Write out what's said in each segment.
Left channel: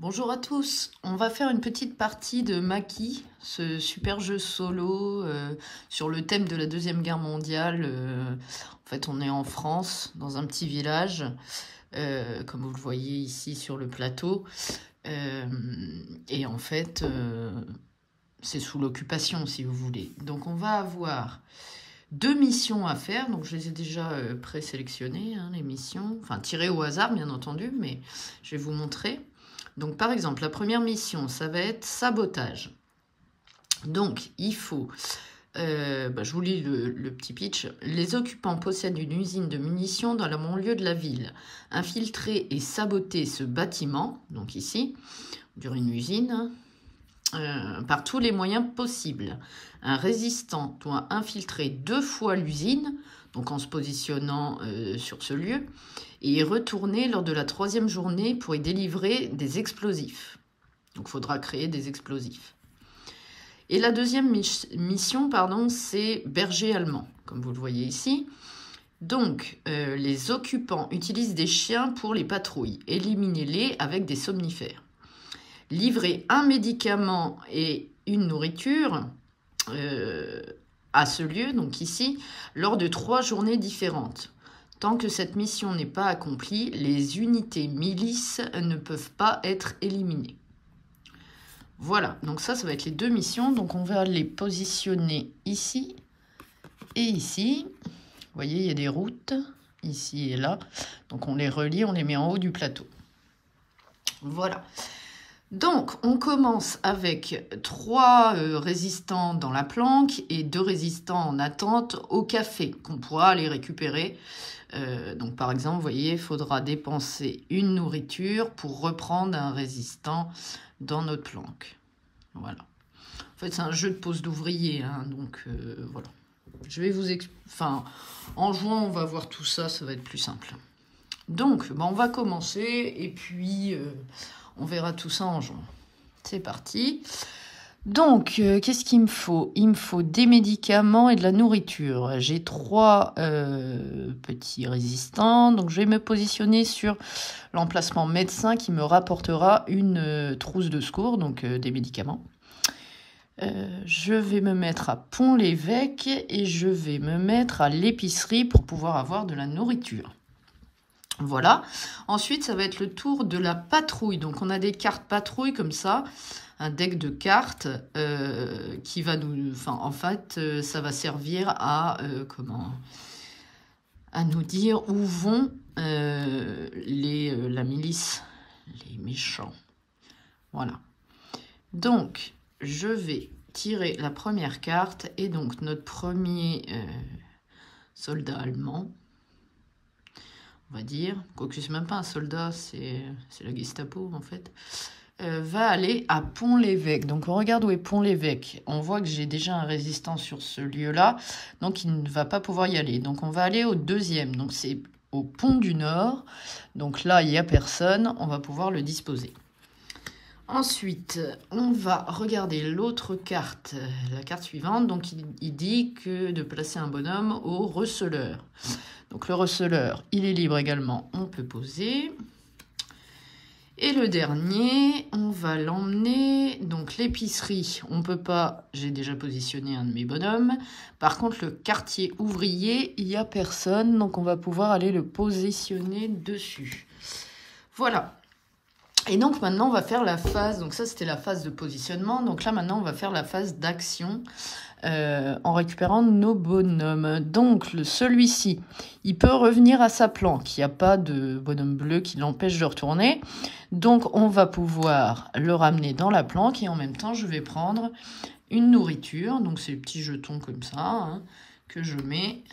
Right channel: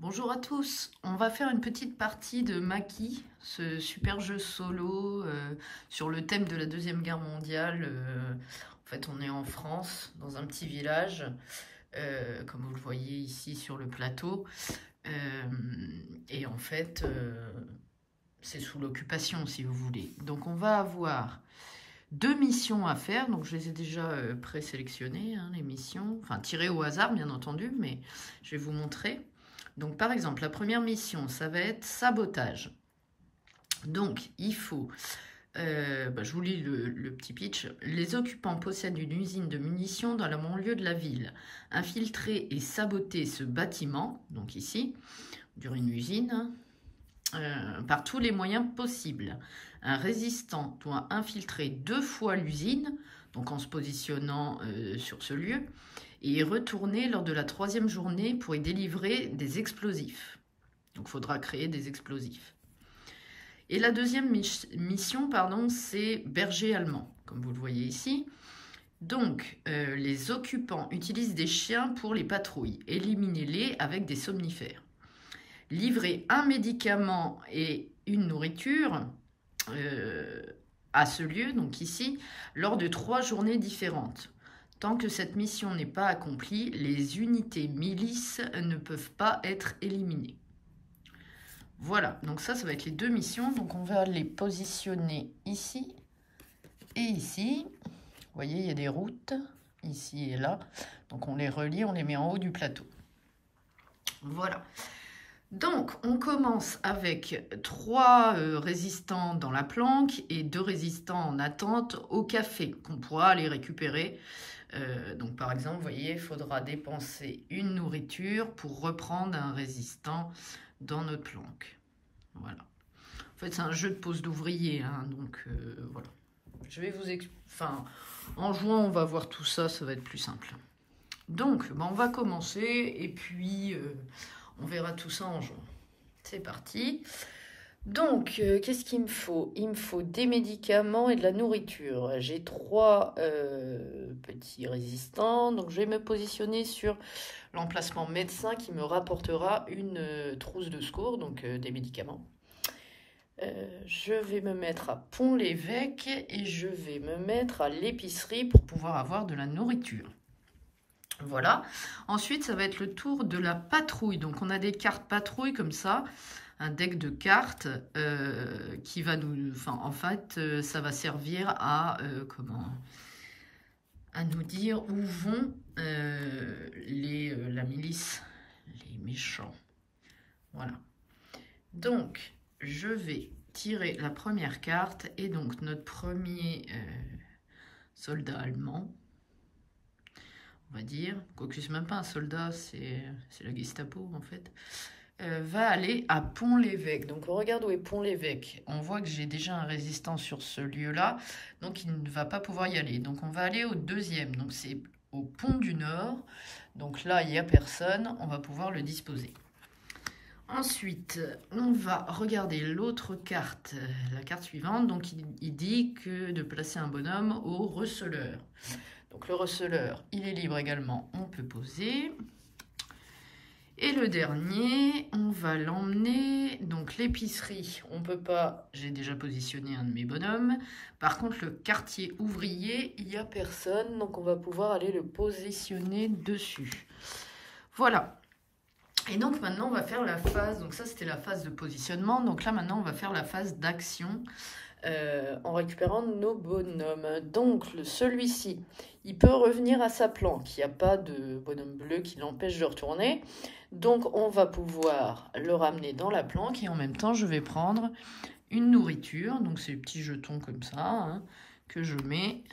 Bonjour à tous, on va faire une petite partie de Maki, ce super jeu solo sur le thème de la Deuxième Guerre mondiale. En fait, on est en France, dans un petit village, comme vous le voyez ici sur le plateau. Et en fait, c'est sous l'occupation, si vous voulez. Donc, on va avoir 2 missions à faire. Donc, je les ai déjà présélectionnées, hein, les missions. Enfin, tirées au hasard, bien entendu, mais je vais vous montrer. Donc, par exemple, la première mission, ça va être sabotage. Donc, il faut... je vous lis le petit pitch. Les occupants possèdent une usine de munitions dans le banlieue de la ville. Infiltrer et saboter ce bâtiment, donc ici, sur une usine, par tous les moyens possibles. Un résistant doit infiltrer 2 fois l'usine, donc en se positionnant sur ce lieu, et y retourner lors de la 3e journée pour y délivrer des explosifs. Donc il faudra créer des explosifs. Et la deuxième mission, c'est berger allemand, comme vous le voyez ici. Donc, les occupants utilisent des chiens pour les patrouilles. Éliminez-les avec des somnifères. Livrer un médicament et une nourriture à ce lieu, donc ici, lors de 3 journées différentes. Tant que cette mission n'est pas accomplie, les unités milices ne peuvent pas être éliminées. Voilà, donc ça va être les 2 missions. Donc on va les positionner ici et ici. Vous voyez, il y a des routes, ici et là. Donc on les relie, on les met en haut du plateau. Voilà. Donc, on commence avec 3 résistants dans la planque et 2 résistants en attente au café, qu'on pourra aller récupérer. Donc, par exemple, vous voyez, il faudra dépenser une nourriture pour reprendre un résistant dans notre planque. Voilà. En fait, c'est un jeu de pose d'ouvrier, hein, donc voilà. Je vais vous expliquer. Enfin, en jouant, on va voir tout ça, ça va être plus simple. Donc, on va commencer et puis... on verra tout ça en juin. C'est parti. Donc, qu'est-ce qu'il me faut? Il me faut des médicaments et de la nourriture. J'ai 3 petits résistants. Donc, je vais me positionner sur l'emplacement médecin qui me rapportera une trousse de secours, donc des médicaments. Je vais me mettre à Pont-l'Évêque et je vais me mettre à l'épicerie pour pouvoir avoir de la nourriture. Voilà. Ensuite, ça va être le tour de la patrouille. Donc, on a des cartes patrouille comme ça, un deck de cartes qui va nous... Enfin, en fait, ça va servir à... à nous dire où vont la milice, les méchants. Voilà. Donc, je vais tirer la première carte et donc notre premier soldat allemand, on va dire, quoique c'est même pas un soldat, c'est la Gestapo en fait, va aller à Pont-l'Évêque. Donc on regarde où est Pont-l'Évêque. On voit que j'ai déjà un résistant sur ce lieu-là, donc il ne va pas pouvoir y aller. Donc on va aller au 2e, donc c'est au Pont du Nord. Donc là, il n'y a personne, on va pouvoir le disposer. Ensuite, on va regarder l'autre carte, la carte suivante. Donc il dit que de placer un bonhomme au receleur. Donc le receleur, il est libre également, on peut poser. Et le dernier, on va l'emmener, donc l'épicerie, on peut pas, j'ai déjà positionné un de mes bonhommes. Par contre, le quartier ouvrier, il n'y a personne, donc on va pouvoir aller le positionner dessus. Voilà. Et donc maintenant, on va faire la phase, donc ça c'était la phase de positionnement, donc là maintenant, on va faire la phase d'action. En récupérant nos bonhommes. Donc, celui-ci, il peut revenir à sa planque. Il n'y a pas de bonhomme bleu qui l'empêche de retourner. Donc, on va pouvoir le ramener dans la planque. Et en même temps, je vais prendre une nourriture. Donc, c'est des petits jetons comme ça, hein, que je mets...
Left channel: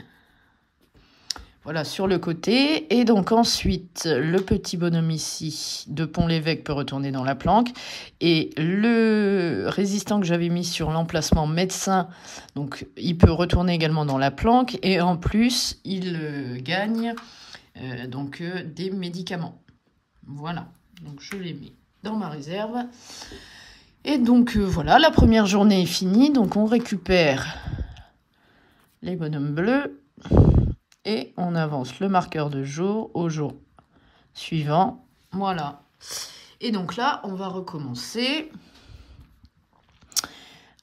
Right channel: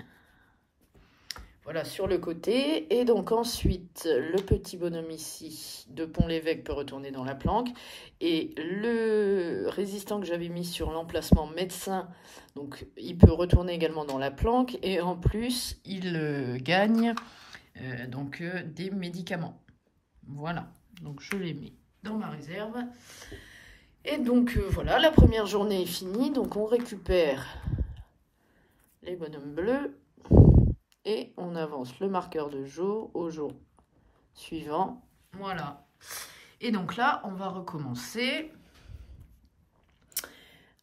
Voilà, sur le côté. Et donc ensuite, le petit bonhomme ici de Pont-l'Évêque peut retourner dans la planque. Et le résistant que j'avais mis sur l'emplacement médecin, donc il peut retourner également dans la planque. Et en plus, il gagne des médicaments. Voilà, donc je les mets dans ma réserve. Et donc voilà, la première journée est finie. Donc on récupère les bonhommes bleus. Et on avance le marqueur de jour au jour suivant. Voilà. Et donc là, on va recommencer.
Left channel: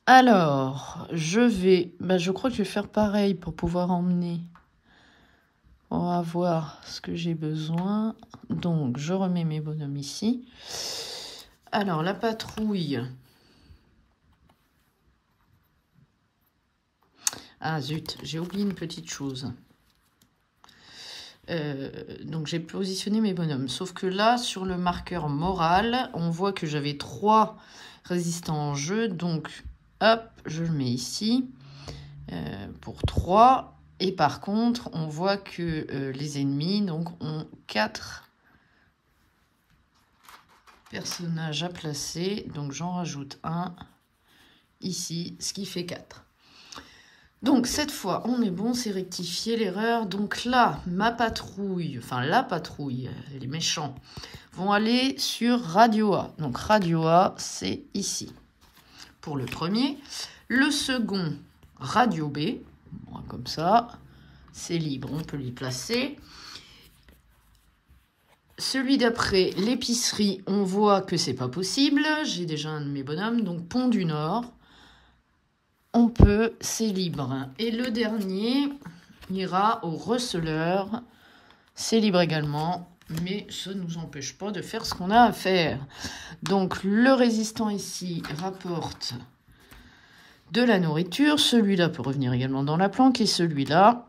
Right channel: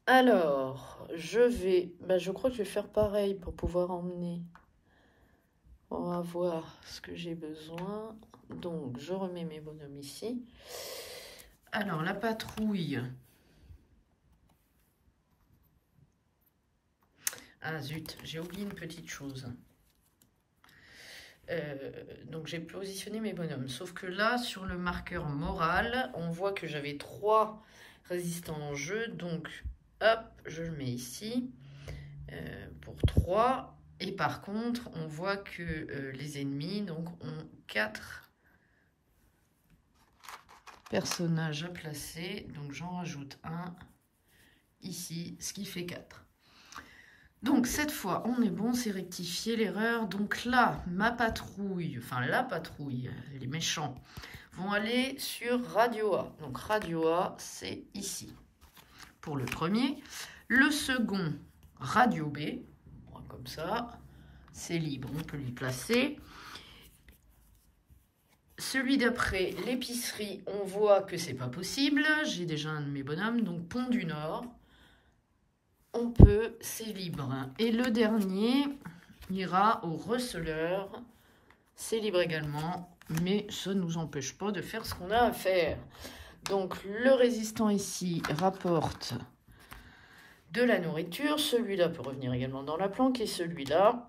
Alors, je crois que je vais faire pareil pour pouvoir emmener. On va voir ce que j'ai besoin. Donc, je remets mes bonhommes ici. Alors, la patrouille. Ah zut, j'ai oublié une petite chose. Donc, j'ai positionné mes bonhommes. Sauf que là, sur le marqueur moral, on voit que j'avais 3 résistants en jeu. Donc, hop, je le mets ici pour 3. Et par contre, on voit que les ennemis donc, ont 4 personnages à placer. Donc, j'en rajoute un ici, ce qui fait 4. Donc, cette fois, on est bon, c'est rectifier l'erreur. Donc là, ma patrouille, enfin la patrouille, les méchants, vont aller sur Radio A. Donc, Radio A, c'est ici. Pour le premier. Le second, Radio B. Comme ça, c'est libre, on peut l'y placer. Celui d'après, l'épicerie, on voit que c'est pas possible. J'ai déjà un de mes bonhommes, donc Pont du Nord. On peut, c'est libre. Et le dernier ira au receleur. C'est libre également, mais ça ne nous empêche pas de faire ce qu'on a à faire. Donc, le résistant ici rapporte de la nourriture. Celui-là peut revenir également dans la planque. Et celui-là,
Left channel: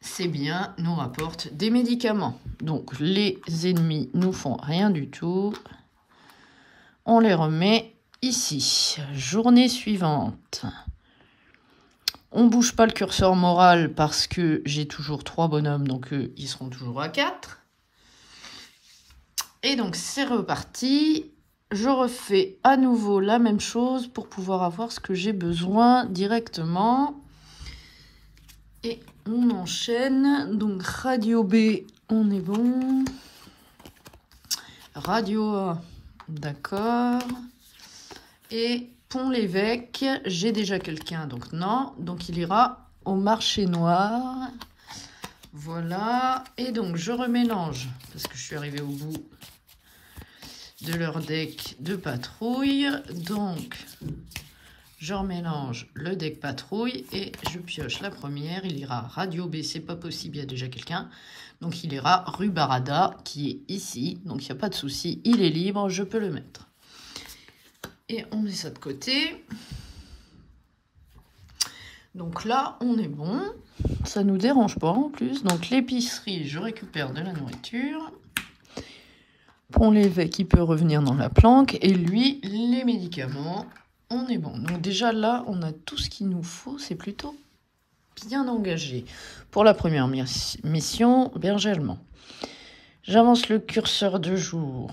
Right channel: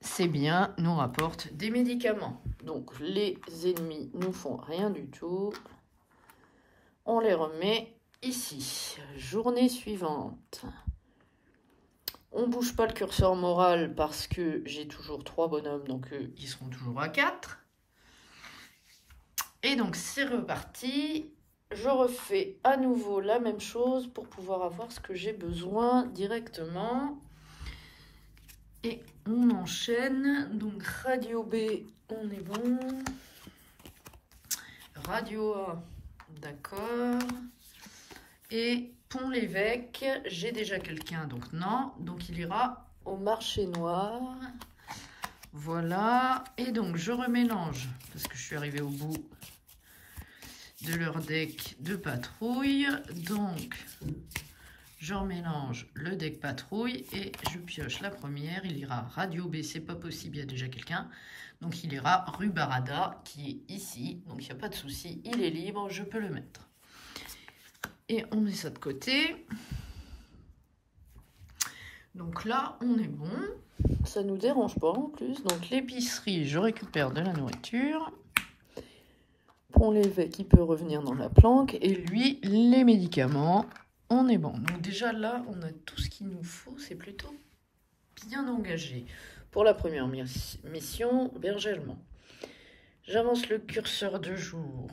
c'est bien, nous rapporte des médicaments. Donc, les ennemis nous font rien du tout. On les remet ici. Journée suivante. On ne bouge pas le curseur moral parce que j'ai toujours 3 bonhommes, donc ils seront toujours à 4. Et donc, c'est reparti. Je refais à nouveau la même chose pour pouvoir avoir ce que j'ai besoin directement. Et on enchaîne. Donc, Radio B, on est bon. Radio A, d'accord. Et Pont-l'Évêque, j'ai déjà quelqu'un, donc non. Donc, il ira au marché noir. Voilà. Et donc, je remélange, parce que je suis arrivée au bout de leur deck de patrouille. Donc, je remélange le deck patrouille et je pioche la première. Il ira Radio B, c'est pas possible, il y a déjà quelqu'un. Donc, il ira rue Barada, qui est ici. Donc, il n'y a pas de souci, il est libre, je peux le mettre. Et on met ça de côté. Donc là, on est bon. Ça ne nous dérange pas en plus. Donc, l'épicerie, je récupère de la nourriture. Pont-l'Évêque, il peut revenir dans la planque. Et lui, les médicaments, on est bon. Donc déjà, là, on a tout ce qu'il nous faut. C'est plutôt bien engagé. Pour la première mission, berger allemand. J'avance le curseur de jour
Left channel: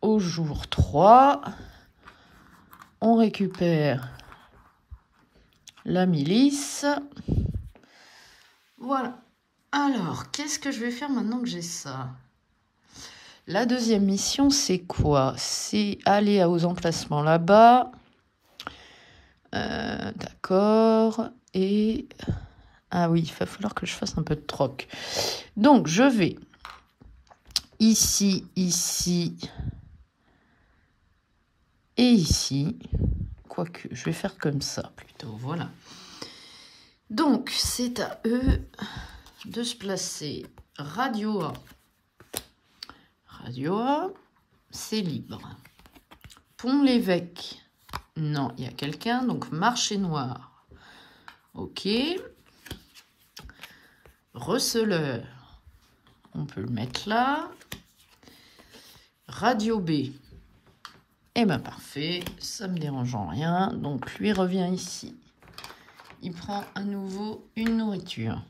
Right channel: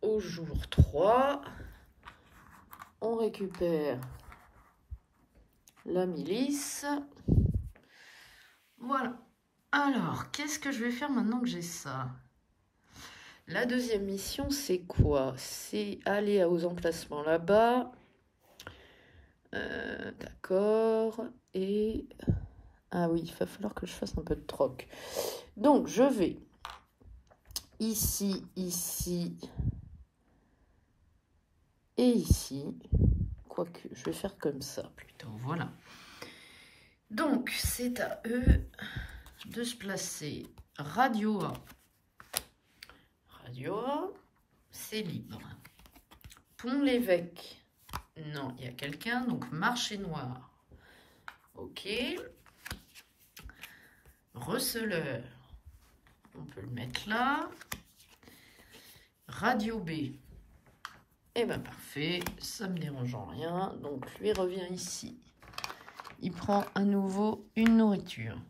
au jour 3. On récupère la milice. Voilà. Alors, qu'est-ce que je vais faire maintenant que j'ai ça? La deuxième mission, c'est quoi? C'est aller aux emplacements là-bas. D'accord. Et... ah oui, il va falloir que je fasse un peu de troc. Donc, je vais ici, ici et ici. Quoique, je vais faire comme ça plutôt. Voilà. Donc, c'est à eux de se placer. Radio A. Radio A, c'est libre. Pont-l'Évêque. Non, il y a quelqu'un. Donc, marché noir. OK. Receleur. On peut le mettre là. Radio B. Eh bien, parfait. Ça me dérange en rien. Donc, lui revient ici. Il prend à nouveau une nourriture.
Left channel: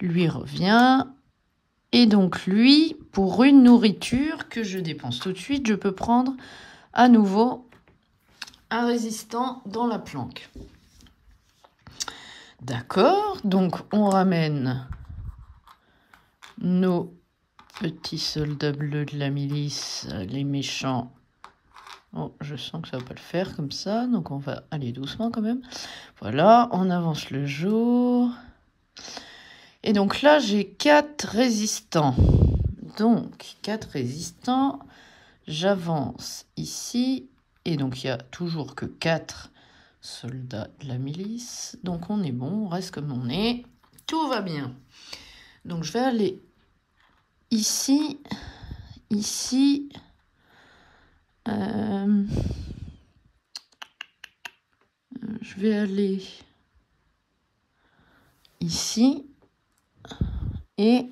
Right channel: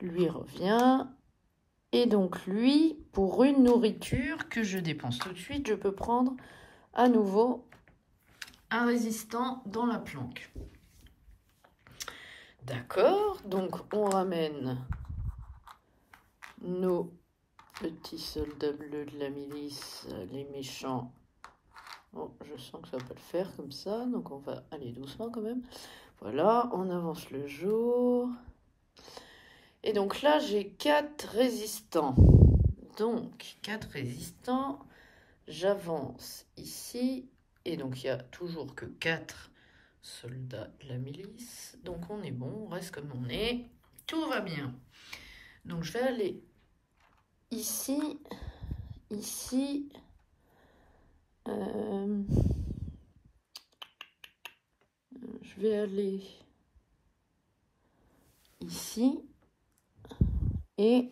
Lui revient. Et donc, lui, pour une nourriture que je dépense tout de suite, je peux prendre à nouveau un résistant dans la planque. D'accord. Donc, on ramène nos petits soldats bleus de la milice, les méchants. Oh, je sens que ça va pas le faire comme ça, donc on va aller doucement quand même. Voilà, on avance le jour. Et donc là, j'ai 4 résistants. Donc, 4 résistants. J'avance ici. Et donc, il n'y a toujours que 4 soldats de la milice. Donc, on est bon, on reste comme on est. Tout va bien. Donc, je vais aller ici, ici. Je vais aller ici et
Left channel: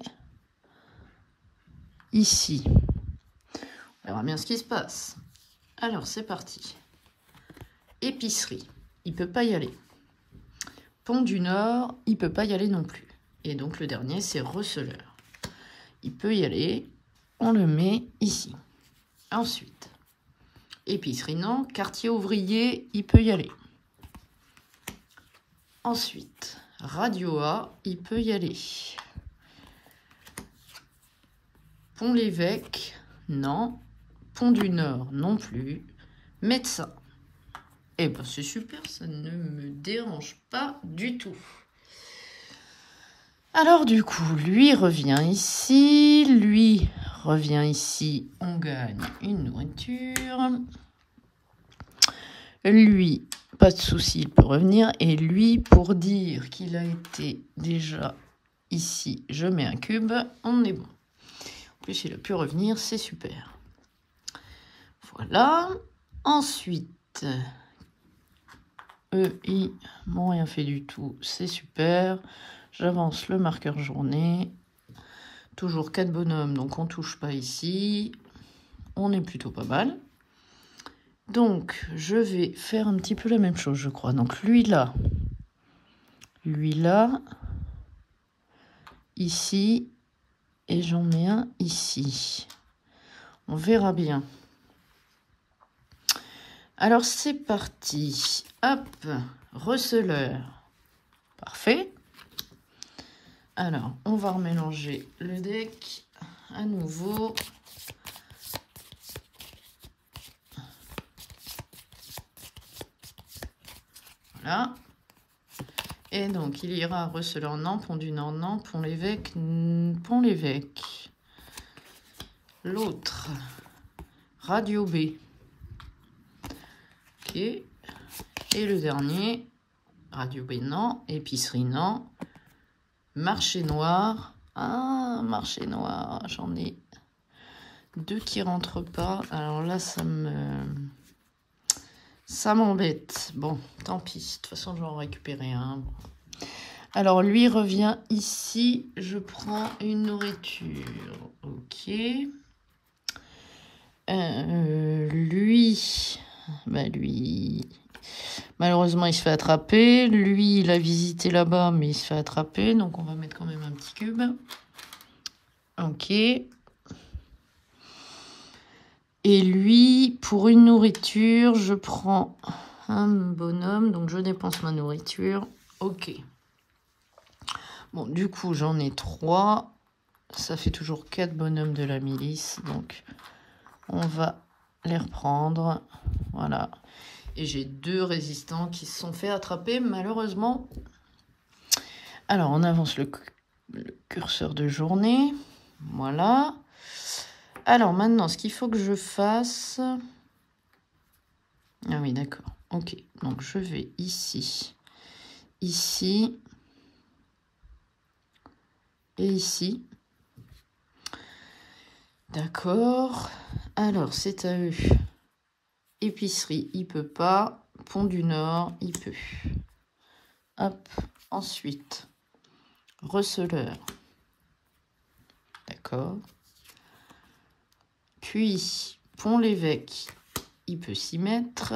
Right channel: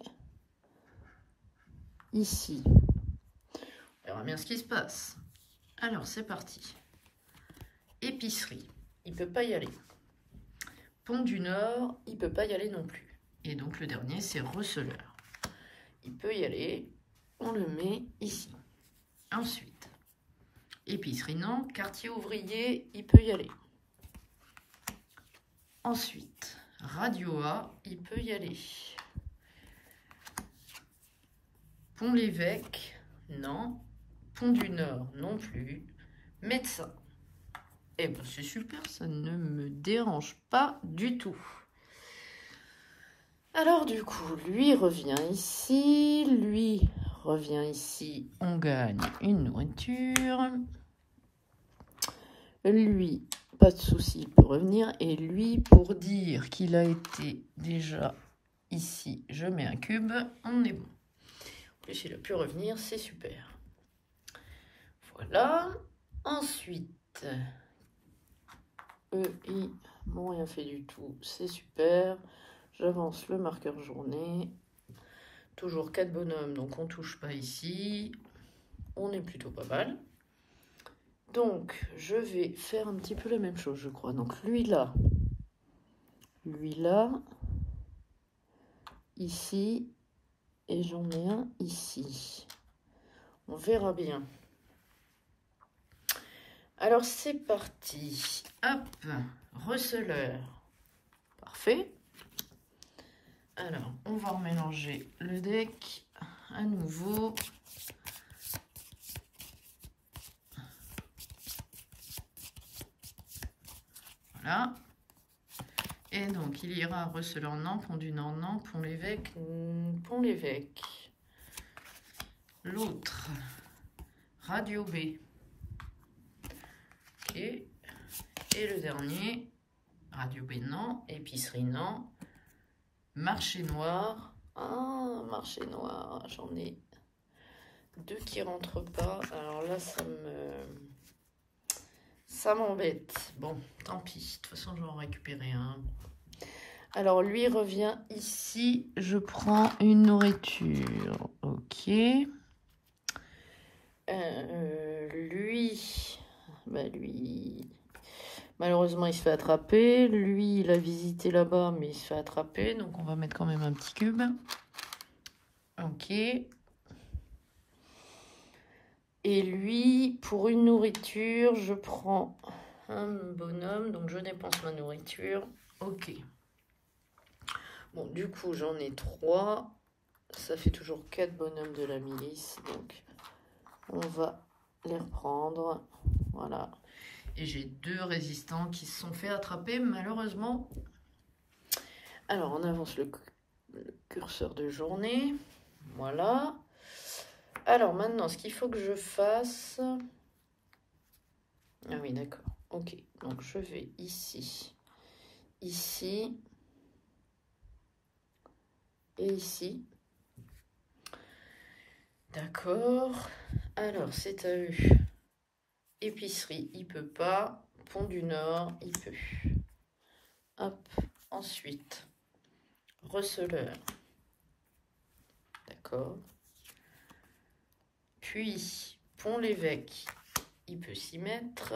ici. On verra bien ce qui se passe. Alors, c'est parti. Épicerie, il ne peut pas y aller. Pont du Nord, il ne peut pas y aller non plus. Et donc, le dernier, c'est receleur. Il peut y aller. On le met ici. Ensuite, épicerie, non. Quartier ouvrier, il peut y aller. Ensuite, Radio A, il peut y aller. Pont l'Évêque, non. Pont du Nord, non plus. Médecin. Eh ben, c'est super, ça ne me dérange pas du tout. Alors, du coup, lui revient ici. Lui revient ici. On gagne une nourriture. Lui, pas de souci, il peut revenir. Et lui, pour dire qu'il a été déjà ici, je mets un cube. On est bon. En plus, il a pu revenir, c'est super. Voilà. Ensuite, eux, ils m'ont rien fait du tout. C'est super. J'avance le marqueur journée. Toujours 4 bonhommes, donc on ne touche pas ici. On est plutôt pas mal. Donc, je vais faire un petit peu la même chose, je crois. Donc, lui là, ici, et j'en ai un ici. On verra bien. Alors, c'est parti. Hop, receleur. Parfait. Alors, on va remélanger le deck à nouveau. Voilà. Et donc, il ira receleur, non. Pont du Nord, non. Pont l'Évêque, Pont l'Évêque. L'autre, Radio B. Ok. Et le dernier, Radio B, non. Épicerie, non. Marché noir. Ah, marché noir. J'en ai 2 qui rentrent pas. Alors là, ça m'embête. Bon, tant pis. De toute façon, je vais en récupérer un. Alors, lui revient ici. Je prends une nourriture. Ok. Lui, malheureusement, il se fait attraper. Lui, il a visité là-bas, mais il se fait attraper. Donc, on va mettre quand même un petit cube. Ok. Et lui, pour une nourriture, je prends un bonhomme. Donc, je dépense ma nourriture. Ok. Bon, du coup, j'en ai 3. Ça fait toujours 4 bonhommes de la milice. Donc, on va les reprendre. Voilà. Et j'ai 2 résistants qui se sont fait attraper, malheureusement. Alors, on avance le curseur de journée. Voilà. Alors, maintenant, ce qu'il faut que je fasse... Ah oui, d'accord. Ok. Donc, je vais ici. Ici. Et ici. D'accord. Alors, c'est à eux. Épicerie, il peut pas. Pont du Nord, il peut. Hop. Ensuite, receleur. D'accord. Puis, Pont l'Évêque, il peut s'y mettre.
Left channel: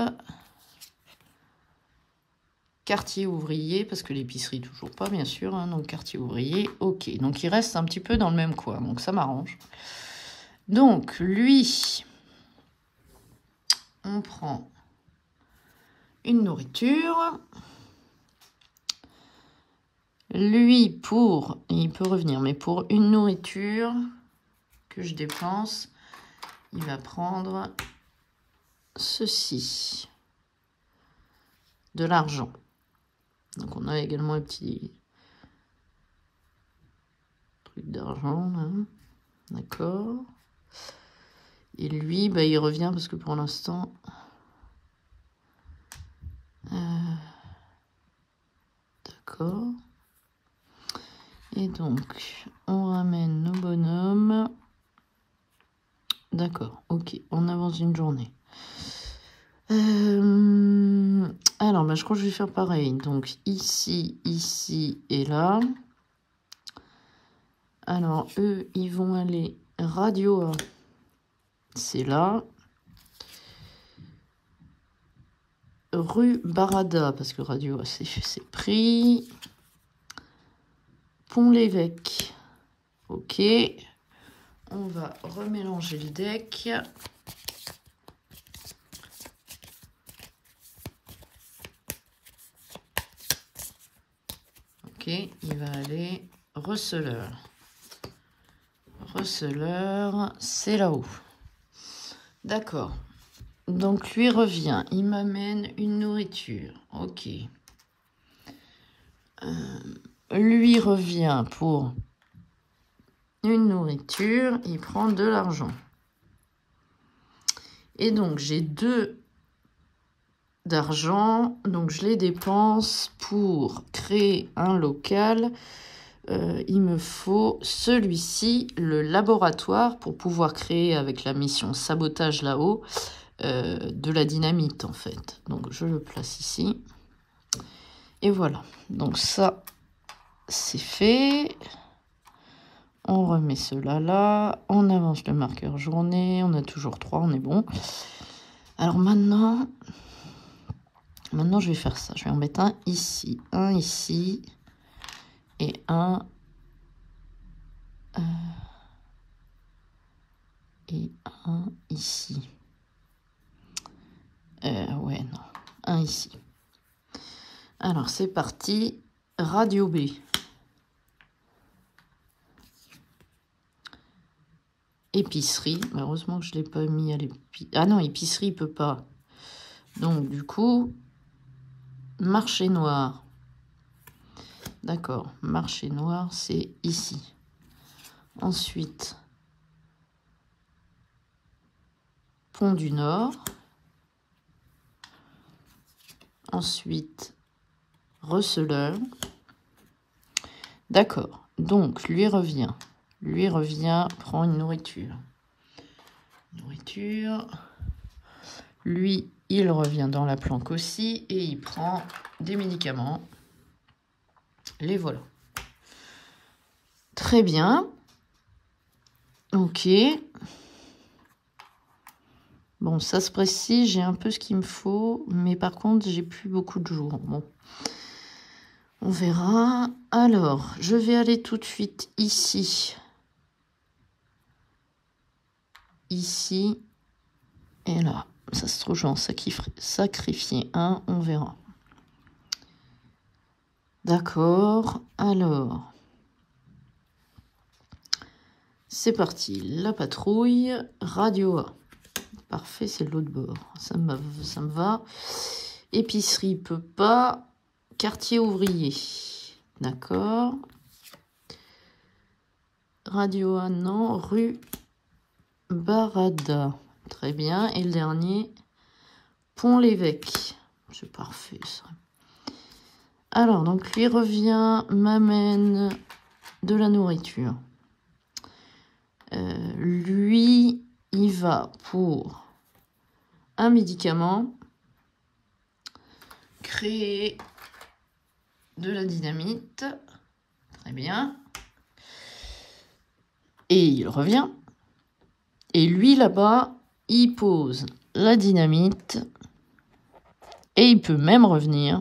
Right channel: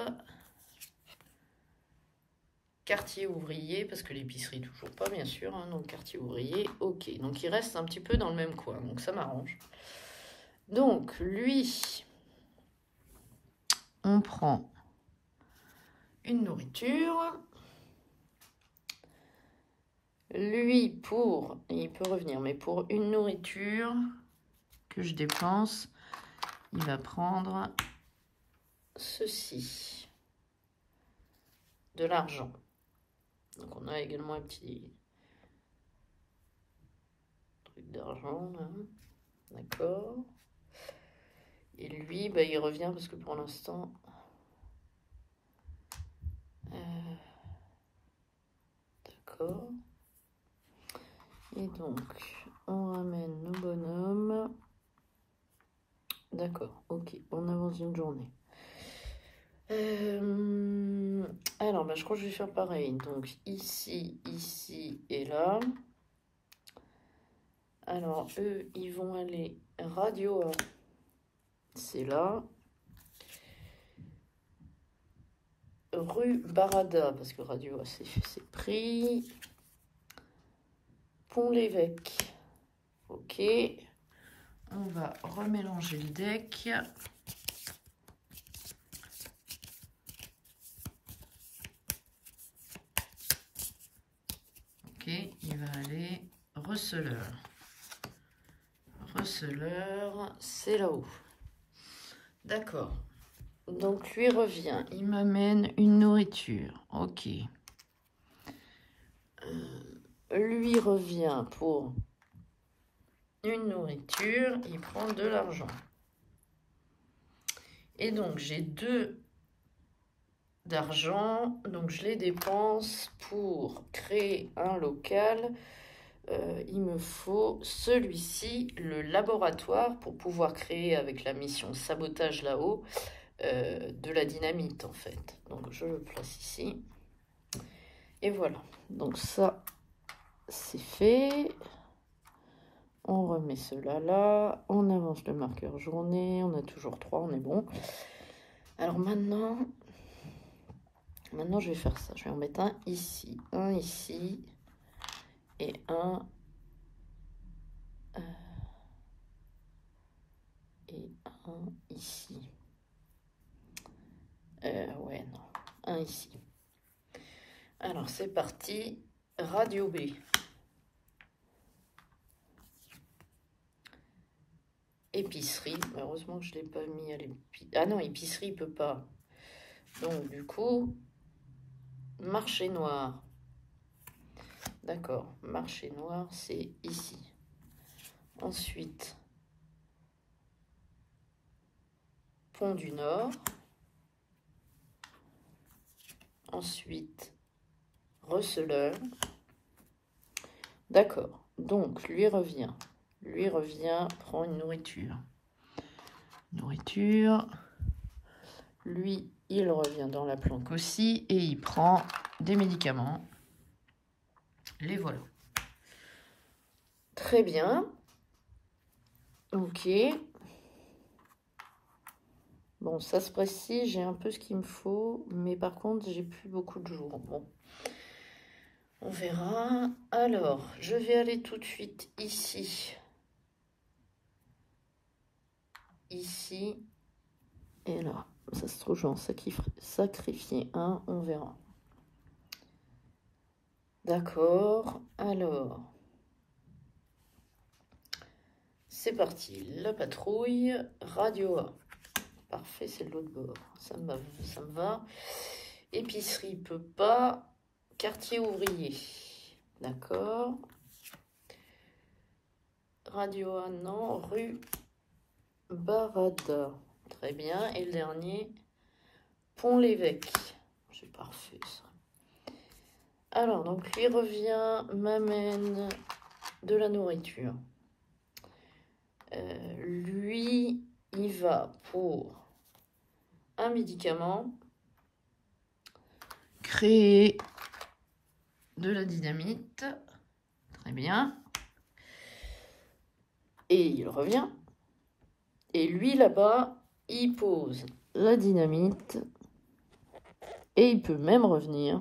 Quartier ouvrier, parce que l'épicerie, toujours pas, bien sûr. Hein, donc, quartier ouvrier, ok. Donc, il reste un petit peu dans le même coin. Donc, ça m'arrange. Donc, lui, on prend une nourriture. Lui, il peut revenir, mais pour une nourriture que je dépense, il va prendre ceci. De l'argent. Donc, on a également un petit truc d'argent. D'accord. Et lui, bah, il revient parce que pour l'instant... D'accord. Et donc, on ramène nos bonhommes. D'accord, ok, on avance une journée. Alors, bah, je crois que je vais faire pareil. Donc, ici, ici et là. Alors, eux, ils vont aller radio A. C'est là. Rue Barada, parce que radio A, c'est pris. Pont-l'Évêque. Ok. On va remélanger le deck. Ok, il va aller receleur. Receleur, c'est là-haut. D'accord. Donc, lui revient. Il m'amène une nourriture. Ok. Lui revient pour une nourriture. Il prend de l'argent. Et donc, j'ai 2 d'argent. Donc, je les dépense pour créer un local. Il me faut celui-ci, le laboratoire, pour pouvoir créer avec la mission sabotage là-haut de la dynamite en fait. Donc je le place ici. Et voilà. Donc ça, c'est fait. On remet cela là. On avance le marqueur journée. On a toujours 3, on est bon. Alors maintenant, je vais faire ça. Je vais en mettre un ici, et un... et un ici. Ouais, non. Un ici. Alors, c'est parti. Radio B. Épicerie. Heureusement que je ne l'ai pas mis à l'épicerie. Ah non, épicerie, il ne peut pas. Donc, du coup, marché noir. D'accord. Marché noir, c'est ici. Ensuite, Pont du Nord. Ensuite, receleur. D'accord. Donc, lui revient, prend une nourriture. Nourriture. Lui, il revient dans la planque aussi et il prend des médicaments. Les voilà. Très bien. Ok. Bon, ça se précise, j'ai un peu ce qu'il me faut, mais par contre, j'ai plus beaucoup de jours. Bon, on verra. Alors, je vais aller tout de suite ici. Ici et là. Ça se trouve, je vais en sacrifier un, on verra. D'accord, alors... C'est parti, la patrouille, radio A. Parfait, c'est l'autre bord. Ça me va. Épicerie, peut pas. Quartier ouvrier. D'accord. Radio A, non. Rue Barada. Très bien. Et le dernier, Pont-l'Évêque. C'est parfait, ça. Alors, donc, lui revient, m'amène de la nourriture. Lui, il va pour un médicament, créer de la dynamite. Très bien. Et il revient. Et lui, là-bas, il pose la dynamite. Et il peut même revenir.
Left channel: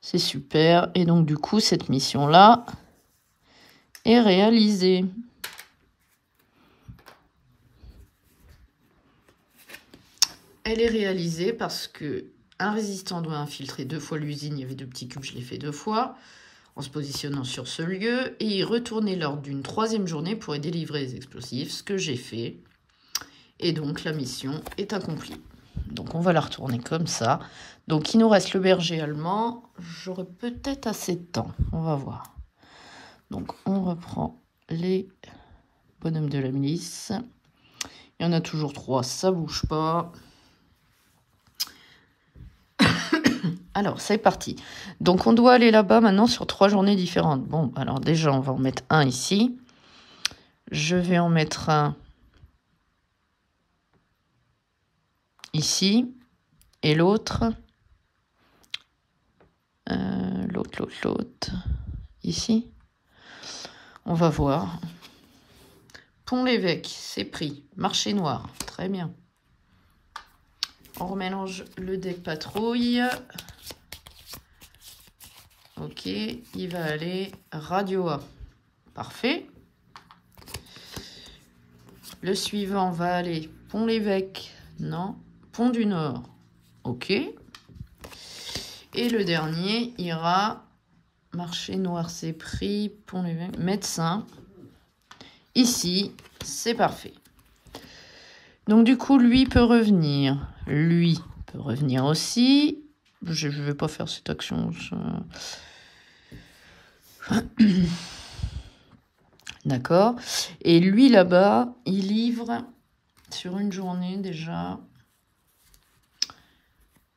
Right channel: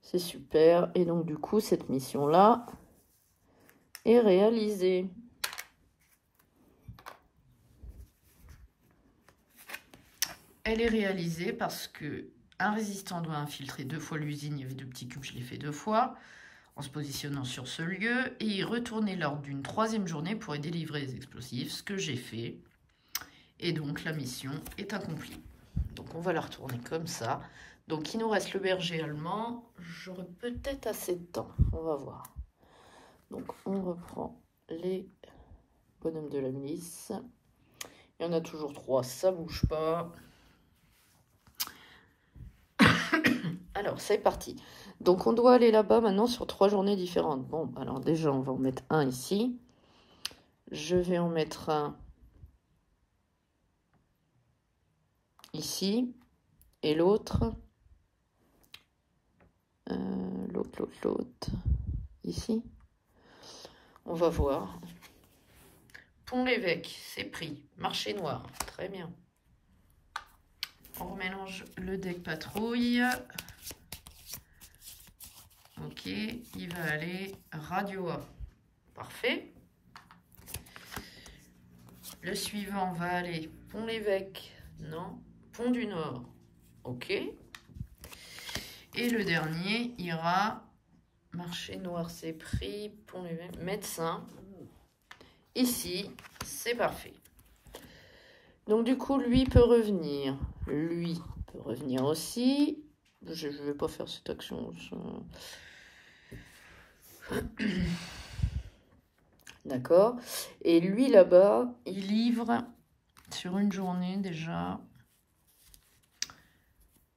C'est super. Et donc, du coup, cette mission-là est réalisée. Elle est réalisée parce que un résistant doit infiltrer 2 fois l'usine. Il y avait 2 petits cubes, je l'ai fait 2 fois. En se positionnant sur ce lieu. Et y retourner lors d'une 3e journée pour y délivrer les explosifs. Ce que j'ai fait. Et donc, la mission est accomplie. Donc, on va la retourner comme ça. Donc, il nous reste le berger allemand. J'aurai peut-être assez de temps. On va voir. Donc, on reprend les bonhommes de la milice. Il y en a toujours 3, ça bouge pas. Alors, c'est parti. Donc, on doit aller là-bas maintenant sur 3 journées différentes. Bon, alors déjà, on va en mettre un ici. Je vais en mettre un ici. Et l'autre, l'autre, ici. On va voir. Pont-l'Évêque, c'est pris. Marché noir, très bien. On remélange le deck patrouille. Ok, il va aller Radio A. Parfait. Le suivant va aller Pont-l'Évêque. Non. Pont du Nord. Ok. Et le dernier ira Marché noir, c'est pris. Pont-l'Évêque. Médecin. Ici, c'est parfait. Donc du coup, lui peut revenir. Lui peut revenir aussi. Je ne vais pas faire cette action. D'accord. Et lui, là-bas, il livre sur une journée déjà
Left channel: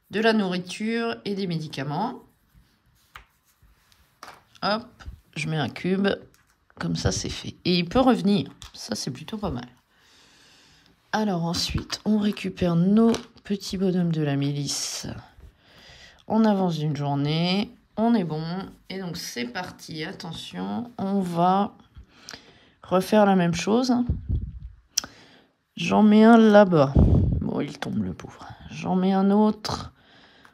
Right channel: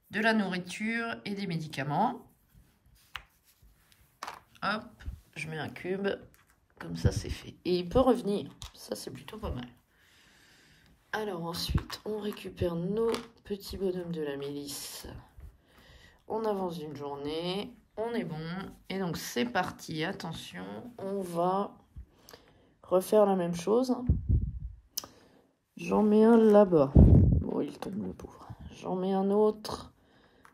de la nourriture et des médicaments. Hop, je mets un cube. Comme ça, c'est fait. Et il peut revenir. Ça, c'est plutôt pas mal. Alors ensuite, on récupère nos petits bonhommes de la milice. On avance d'une journée. On est bon. Et donc, c'est parti. Attention, on va refaire la même chose. J'en mets un là-bas. Bon, il tombe le pauvre. J'en mets un autre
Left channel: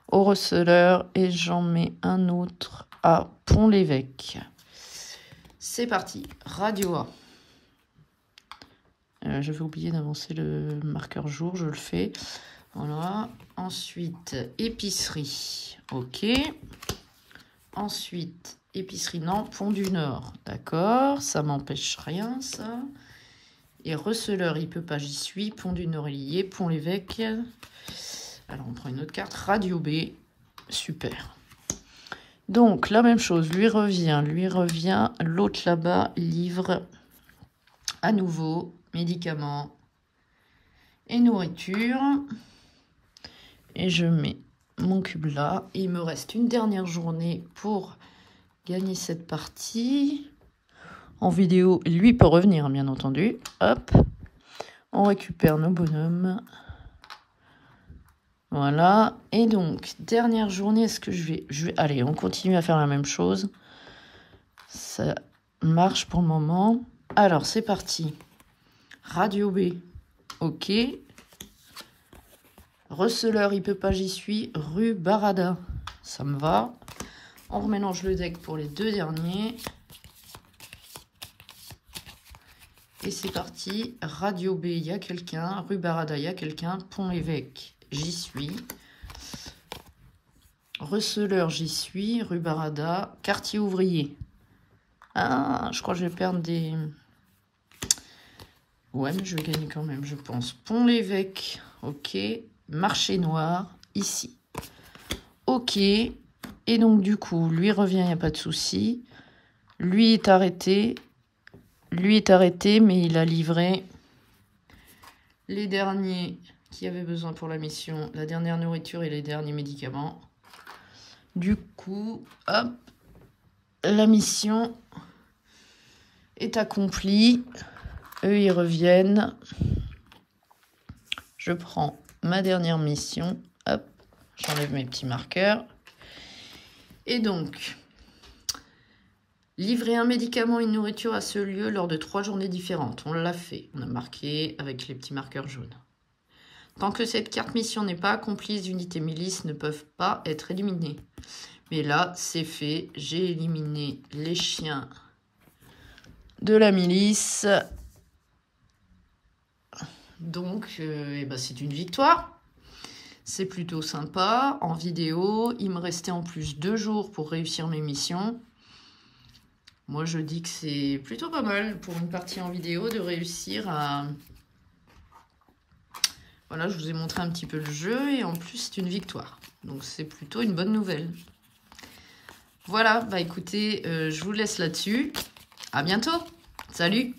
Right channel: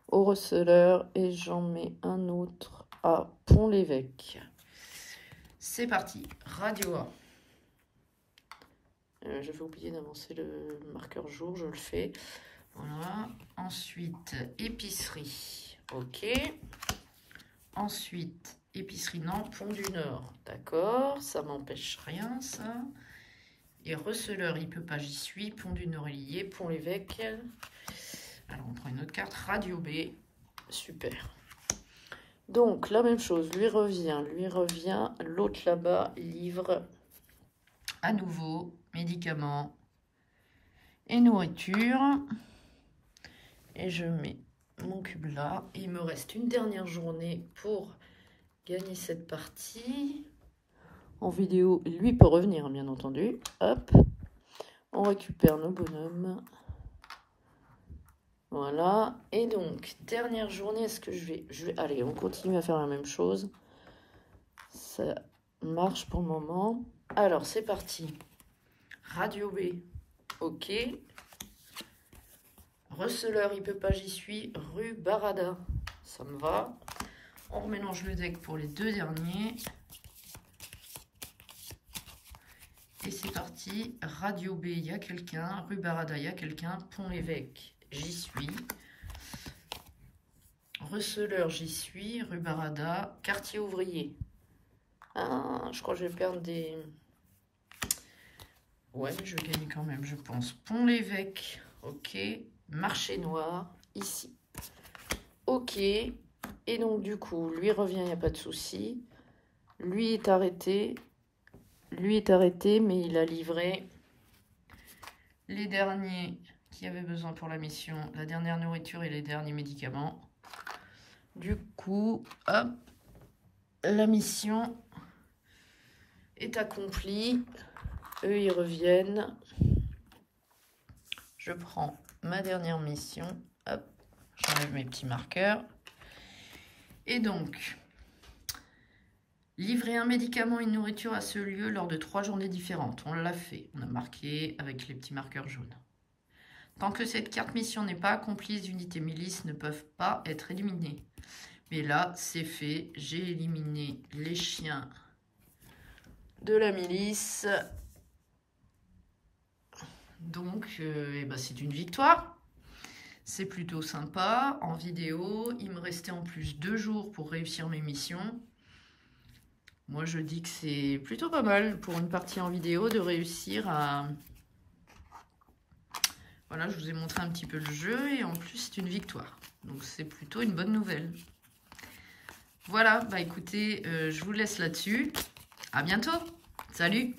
au receleur. Et j'en mets un autre à Pont-l'Évêque. C'est parti. Radio A. Je vais oublier d'avancer le marqueur jour, je le fais. Voilà. Ensuite, épicerie. Ok. Ensuite, épicerie, non, Pont du Nord. D'accord, ça m'empêche rien, ça. Et receleur, il peut pas, j'y suis. Pont du Nord est lié. Pont-l'Évêque. Alors, on prend une autre carte. Radio B. Super. Donc, la même chose. Lui revient. L'autre là-bas livre à nouveau médicaments et nourriture. Et je mets mon cube là. Il me reste une dernière journée pour gagner cette partie. En vidéo, lui peut revenir, bien entendu. Hop. On récupère nos bonhommes. Voilà. Et donc, dernière journée, est-ce que je vais... Allez, on continue à faire la même chose. Ça marche pour le moment. Alors, c'est parti. Radio B. Ok. Receleur, il peut pas, j'y suis. Rue Barada. Ça me va. On remélange le deck pour les 2 derniers. Et c'est parti. Radio B, il y a quelqu'un. Rue Barada, il y a quelqu'un. Pont-l'Évêque, j'y suis. Receleur, j'y suis. Rue Barada. Quartier ouvrier. Ah, je crois que je vais perdre des... Ouais, mais je vais gagner quand même, je pense. Pont-l'Évêque. Ok. Marché noir. Ici. Ok. Et donc, du coup, lui revient, il n'y a pas de souci. Lui est arrêté. Lui est arrêté, mais il a livré les derniers qui avaient besoin pour la mission. La dernière nourriture et les derniers médicaments. Du coup, hop. La mission est accomplie. Eux, ils reviennent. Je prends ma dernière mission. Hop. J'enlève mes petits marqueurs. Et donc, livrer un médicament et une nourriture à ce lieu lors de 3 journées différentes. On l'a fait. On a marqué avec les petits marqueurs jaunes. Tant que cette carte mission n'est pas accomplie, les unités milices ne peuvent pas être éliminées. Mais là, c'est fait. J'ai éliminé les chiens de la milice. Donc, ben c'est une victoire. C'est plutôt sympa. En vidéo, il me restait en plus 2 jours pour réussir mes missions. Moi, je dis que c'est plutôt pas mal pour une partie en vidéo de réussir à... Voilà, je vous ai montré un petit peu le jeu et en plus, c'est une victoire. Donc, c'est plutôt une bonne nouvelle. Voilà, bah écoutez, je vous laisse là-dessus. À bientôt. Salut!